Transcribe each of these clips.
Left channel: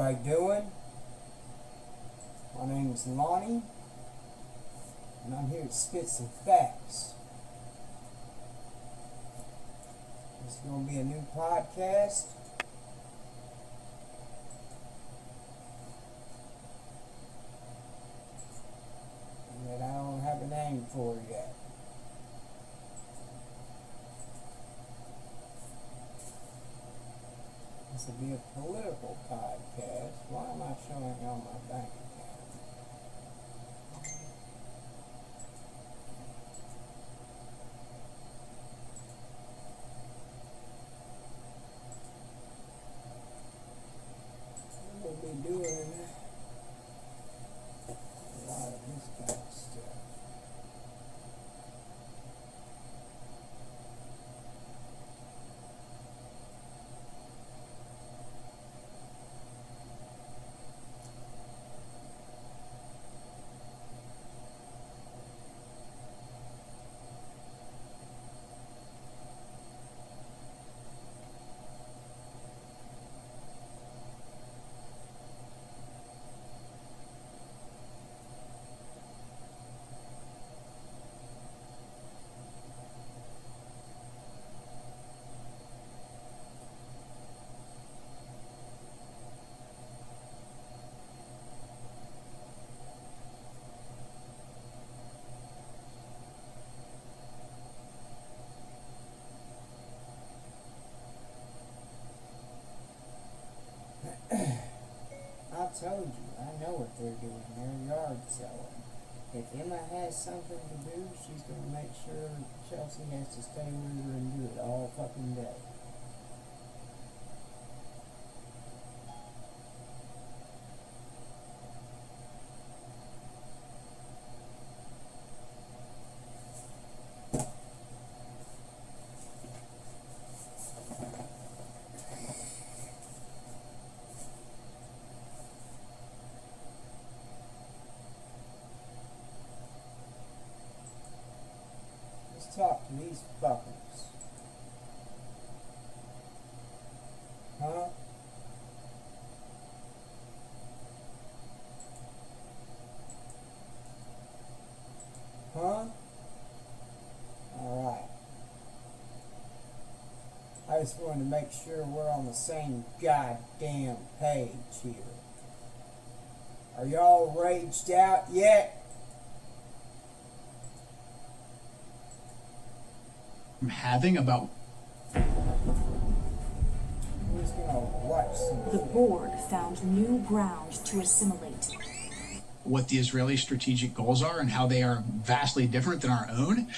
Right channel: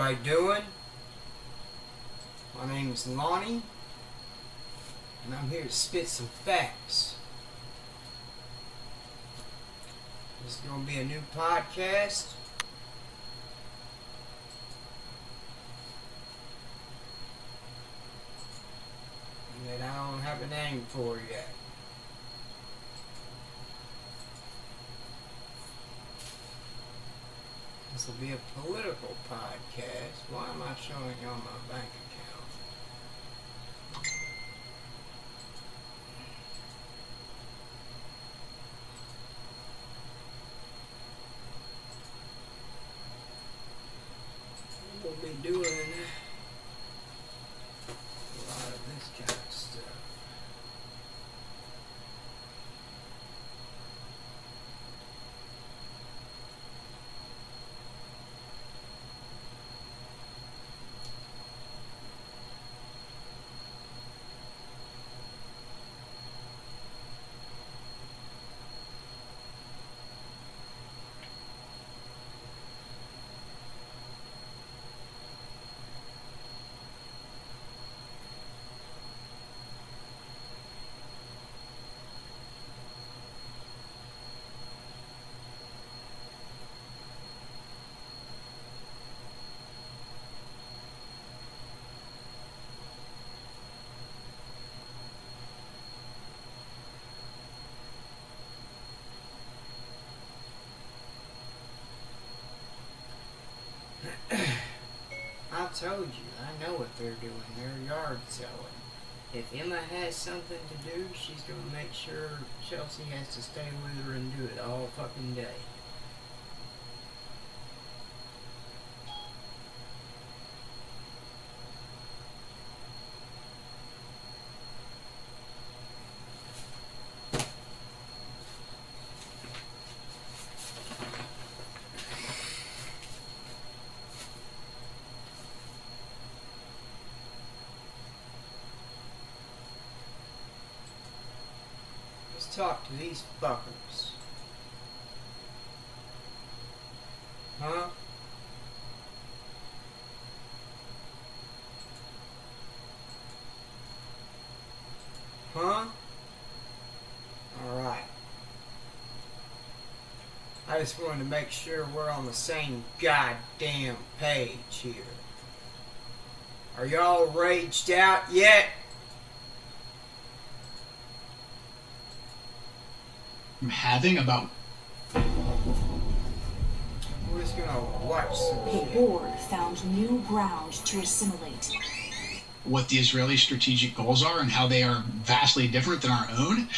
everybody doing? My name is Lonnie, and I'm here to spit some facts. This is going to be a new podcast. That I don't have a name for yet. This will be a political podcast. Why am I showing you on my bank account? We'll be doing a lot of this kind of stuff. I told you, I know what they're doing. They're yard selling. If Emma has something to do, she's going to make sure Chelsea has to stay with her and do it all fucking day. Talk to these fuckers. Huh? Huh? Alright. I just wanted to make sure we're on the same goddamn page here. Are y'all raged out yet? I'm having about. We're just gonna watch some The shit. board found new ground to assimilate. What the Israeli strategic goals are and how they are vastly different than our own.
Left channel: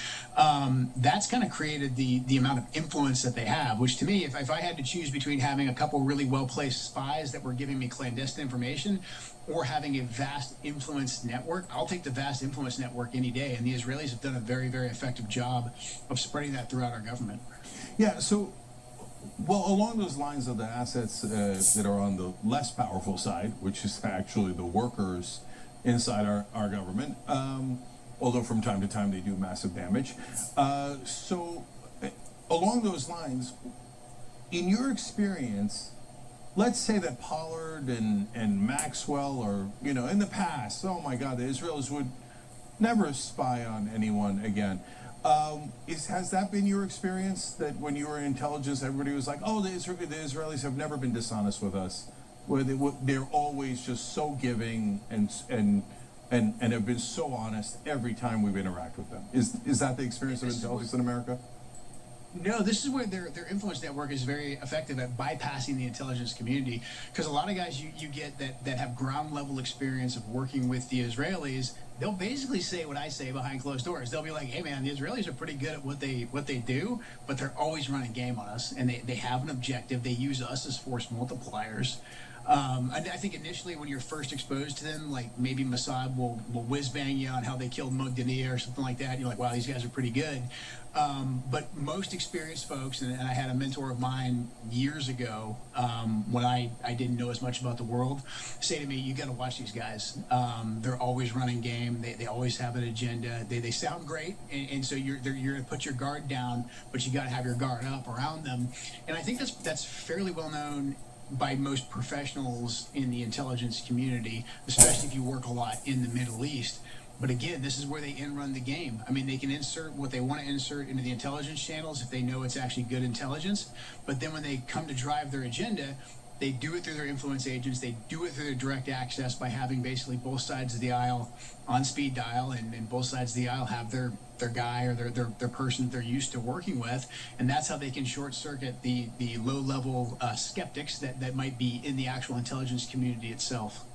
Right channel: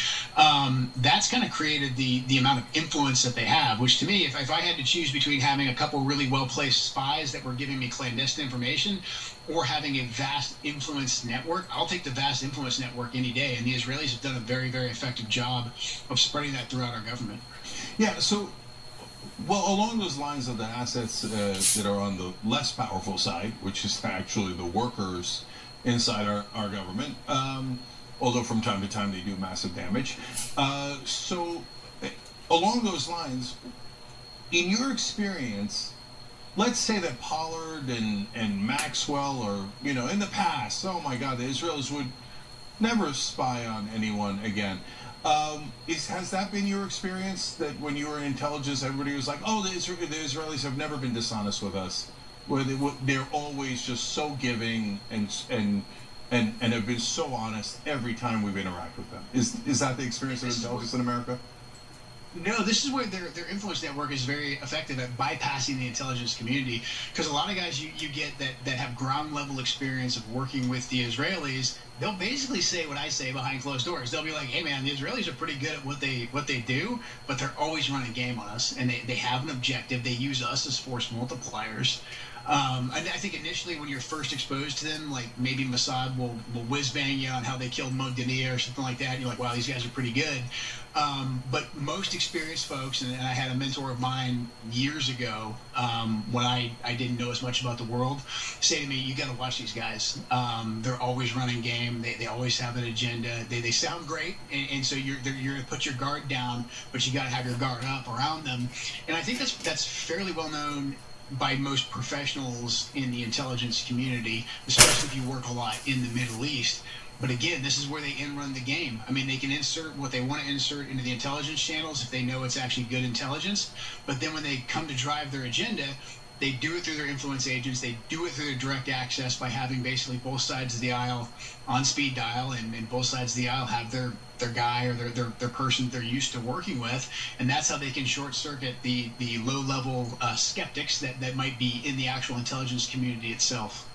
That's kind of created the amount of influence that they have, which to me, if I had to choose between having a couple really well-placed spies that were giving me clandestine information or having a vast influence network, I'll take the vast influence network any day. And the Israelis have done a very, very effective job of spreading that throughout our government. Yeah, so, well, along those lines of the assets that are on the less powerful side, which is actually the workers inside our government, although from time to time they do massive damage. So, along those lines, in your experience, let's say that Pollard and Maxwell are, in the past, oh my God, the Israelis would never spy on anyone again. Has that been your experience, that when you were in intelligence, everybody was like, oh, the Israelis have never been dishonest with us? Where they're always just so giving and have been so honest every time we've interacted with them. Is that the experience of intelligence in America? No, this is where their influence network is very effective at bypassing the intelligence community, because a lot of guys you get that have ground level experience of working with the Israelis, they'll basically say what I say behind closed doors. They'll be like, hey man, the Israelis are pretty good at what they do, but they're always running game on us, and they have an objective. They use us as force multipliers. I think initially when you're first exposed to them, like maybe Mossad will whiz bang you on how they killed Mogdania or something like that. You're like, wow, these guys are pretty good. But most experienced folks, and I had a mentor of mine years ago when I didn't know as much about the world, say to me, you got to watch these guys. They're always running game. They always have an agenda. They sound great, and so you're going to put your guard down, but you got to have your guard up around them. And I think that's fairly well known by most professionals in the intelligence community, especially if you work a lot in the Middle East. But again, this is where they run the game. I mean, they can insert what they want to insert into the intelligence channels if they know it's actually good intelligence. But then when they come to drive their agenda, they do it through their influence agents. They do it through their direct access by having basically both sides of the aisle on speed dial, and both sides of the aisle have their guy or their person they're used to working with. And that's how they can short circuit the low-level skeptics that might be in the actual intelligence community itself.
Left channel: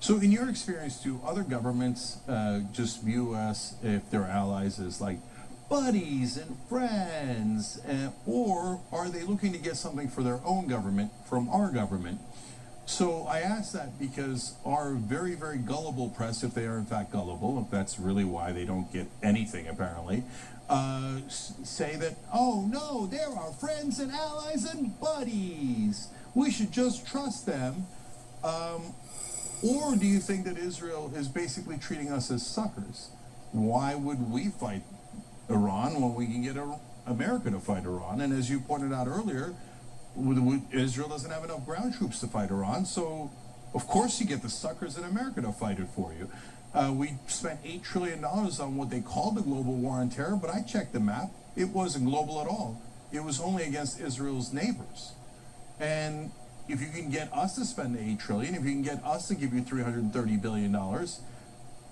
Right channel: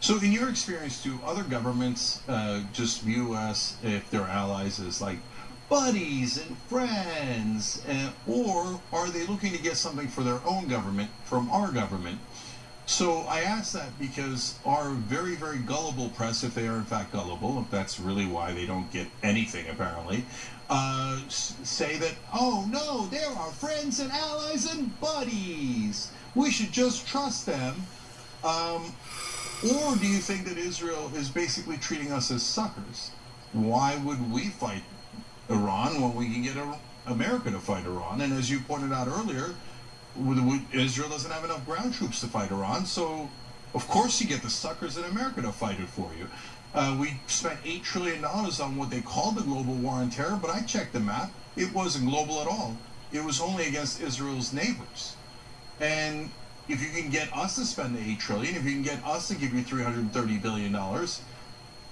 So, in your experience, do other governments just view us, if they're allies, as like buddies and friends, or are they looking to get something for their own government from our government? So, I ask that because our very, very gullible press, if they are in fact gullible, if that's really why they don't get anything apparently, say that, oh no, they're our friends and allies and buddies. We should just trust them. Or do you think that Israel is basically treating us as suckers? Why would we fight Iran when we can get America to fight Iran? And as you pointed out earlier, Israel doesn't have enough ground troops to fight Iran, so of course you get the suckers in America to fight it for you. We spent $8 trillion on what they called the global war on terror, but I checked the map. It wasn't global at all. It was only against Israel's neighbors. And if you can get us to spend the $8 trillion, if you can get us to give you $330 billion,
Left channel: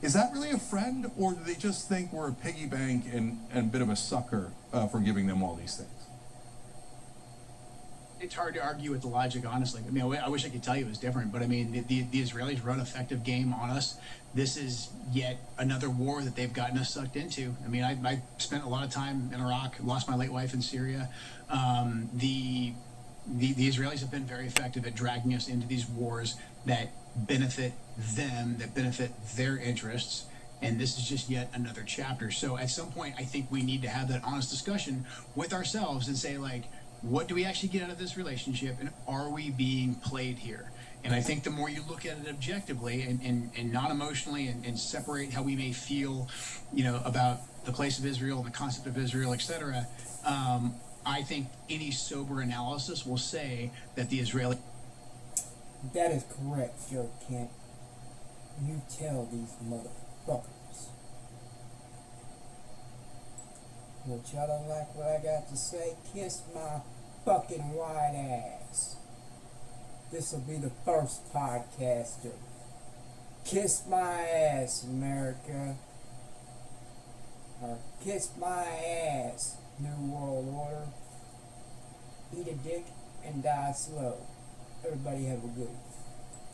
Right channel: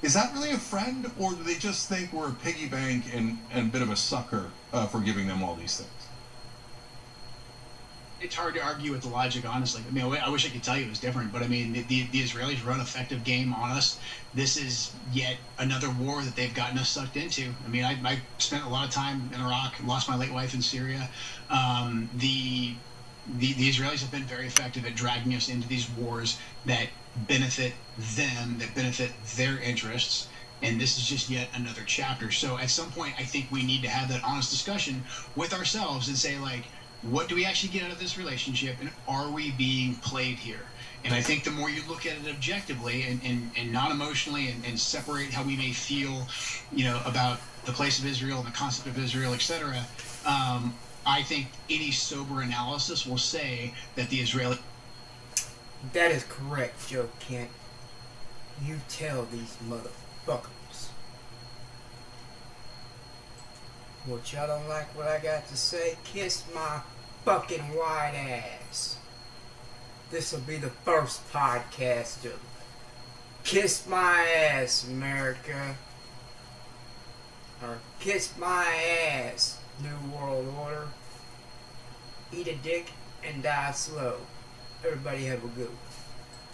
is that really a friend, or do they just think we're a piggy bank and a bit of a sucker for giving them all these things? It's hard to argue with the logic, honestly. I mean, I wish I could tell you it was different, but I mean, the Israelis run effective game on us. This is yet another war that they've gotten us sucked into. I mean, I spent a lot of time in Iraq, lost my late wife in Syria. The Israelis have been very effective at dragging us into these wars that benefit them, that benefit their interests. And this is just yet another chapter. So at some point, I think we need to have that honest discussion with ourselves and say, like, what do we actually get out of this relationship, and are we being played here? And I think the more you look at it objectively and non-emotionally, and separate how we may feel, about the place of Israel and the concept of Israel, etc., I think any sober analysis will say that the Israeli... That is correct, Joe Kent. You tell these motherfuckers. What, y'all don't like what I got to say? Kiss my fucking white ass. This'll be the first podcast of Kiss My Ass, America. Or Kiss My Ass, New World Order. Eat a dick and die slow. Everybody have a good one.